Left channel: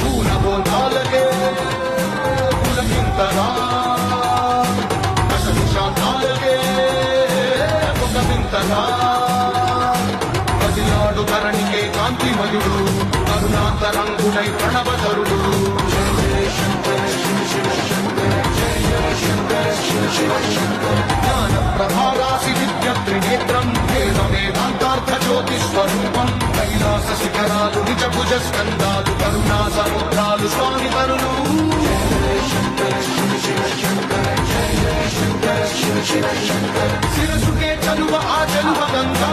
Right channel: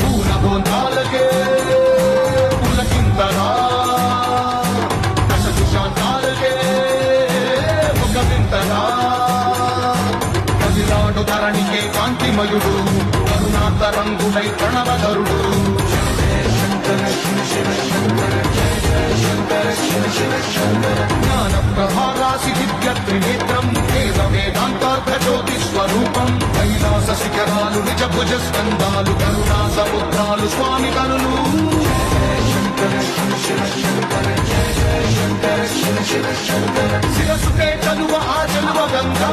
పూల బోండాలకే పులకింతలా అసలు శాంతాలకే ఒక వింతలా పదినాడు ధరణికే కాంతిమయుడు కరుణాతరంగుడై ప్రణవధరుడు జ్ఞాన ప్రభారాసి దివ్యత్రినేత్రం వేదవేదాంతార్థ జ్యోతిస్వరూపం కైలాస శిఖరాలు నిజ భుజ స్కందాలు కరుణా సముద్రాలు స్వామి కరులు శిరసుకే చలువ ఆ చలువ గంగా